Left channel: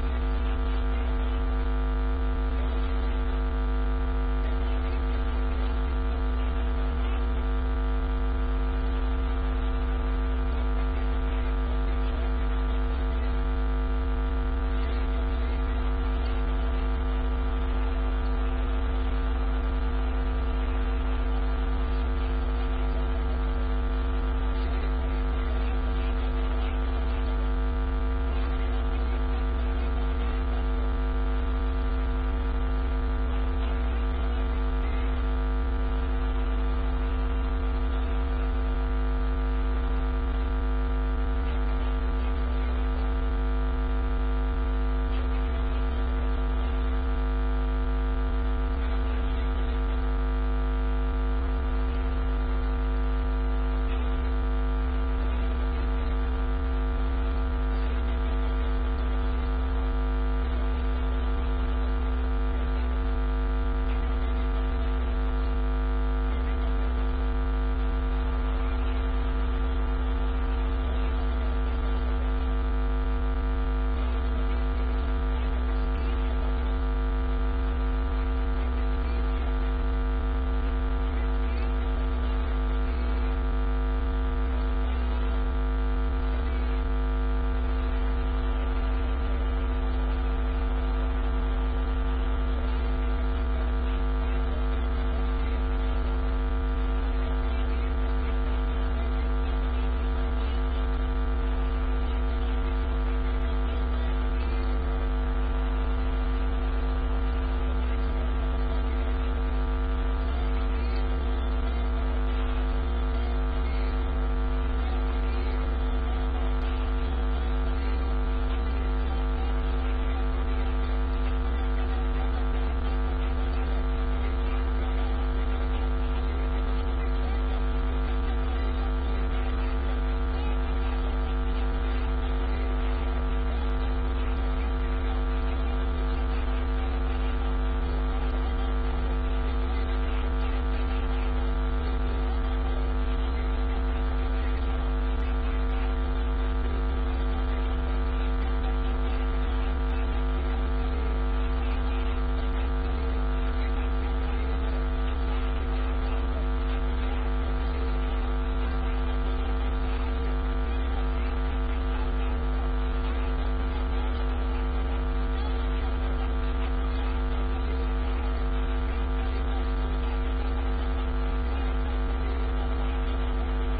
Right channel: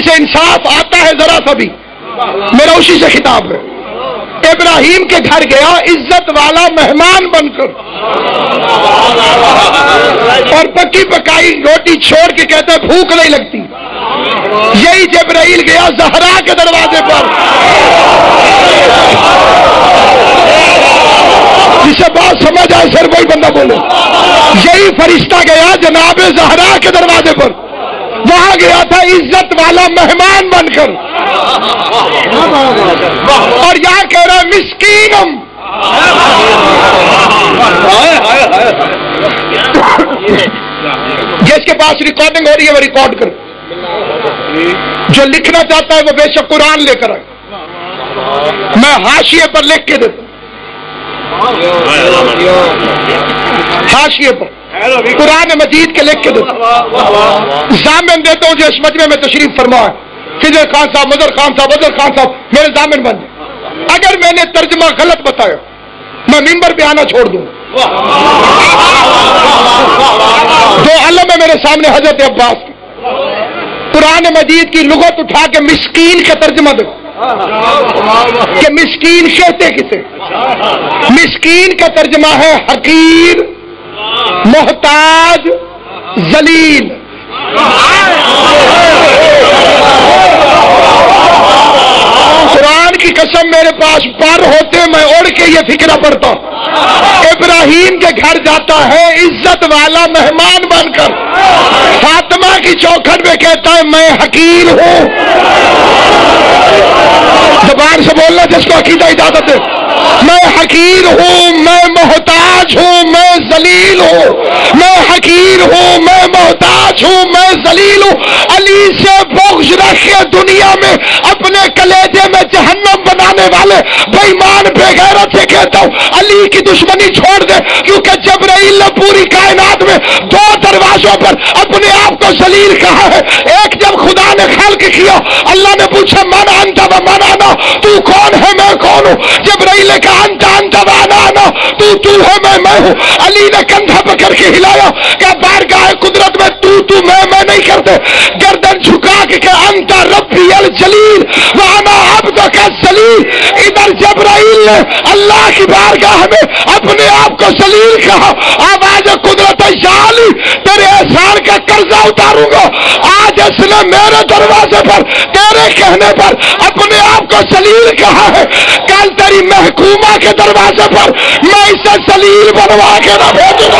جسے انصاف آتا ہے ذرا سا بھی، میرا اسی سے خطاب ہے. ابراہیم کے گھر گیا عزت والا مہمان بن کر، اور پکی پکائی روٹی چھوڑ کے کہتا ہے بھوک نہیں لگتی. یہی جبرائیل گیا زہرا کے دروازے پر، جسے بات سمجھ آئے سر کوئی بندہ بولے. یہی فرشتہ گیا جناب زہرا کے دروازے پر، وہاں گیا تھا عزت والا مہمان بن کر، اور یہاں کہہ رہا ہے مسکینم. جس کے پاس ریکارڈنگ ہو رہی ہے وہ ریکارڈ کر، جو لکھنا چاہتا ہے وہ بے شک قرآن لے کر آئے، میں حاشیے پر لکھ کے دیتا ہوں، حاشیے پر قرآن مجید کے لکھ کے دیتا ہوں. ضامن دیتا ہوں جو اس مجمع میں تشریف فرما ہے، خضر خان صاحب، مظہر خان صاحب، اظہر خان صاحب میرے ضامن بن جائے. اگر میں نے ترجمہ غلط بتایا میں ممبر پہ آنا چھوڑ دوں. جو علم ہے میرے سامنے حضرت عباس کی، قرآن مجید کی لغت اٹھا کے مسکین کا ترجمہ دو کہ مسکین کہتے کسے. مسکین کا ترجمہ ہے حقیر، محتاج، ذلیل. قرآن کی قسم میرے پاس پر ہوتے میں اڑ کے یہ فکرہ پڑھتا. ابراہیم کے گھر جاتا ہے عزت والا مہمان بن کر، فاطمہ کی چوکھٹ میں کہتا ہے میں حقیر ہوں. زبان سے بولنا جس کو عقیدہ اجازت ہے. میں حقیر ہوں، میں محتاج ہوں، میں ذلیل ہوں. میں حقیر ہوں، میں محتاج ہوں، میں ذلیل ہوں. علی سے بغض رکھ کے دنیا میں اپنے کلیجے میں جہنم بنانے والے بے ایمان بے غیرت سے کہتا ہوں علی کی دشمنی چھوڑ دے، کیونکہ جبرائیل نے پوری کائنات میں دو دروازوں پر اپنے آپ کو ذلیل کہا ہے. ایک جب خدا نے خلق کیا، اللہ نے پوچھا من انت و من انا، تو کون ہے میں کون ہوں. جبرائیل نے کہا انت انت و انا انا، تو ہے میں ہوں. علی نے کندھا پکڑ کے ہلایا کہ بارگاہ قدرت میں تو میں نہیں کرتے. گردن جھکا کے کہ انت ربی الجلیل وانا عبدک الذلیل. ادھر جبرائیل نے اللہ کی بارگاہ میں اپنے آپ کو ذلیل کہا. آواز قدرت یا علی تیرے احسان کا قرضہ اتاروں گا. آج اس نے میرے دروازے پر تیرے کہنے پر اپنے آپ کو ذلیل کہا ہے، کل تیری محکومہ کے دروازے پر میں اسے ذلیل بنوا کے نہ بھیجوں گا.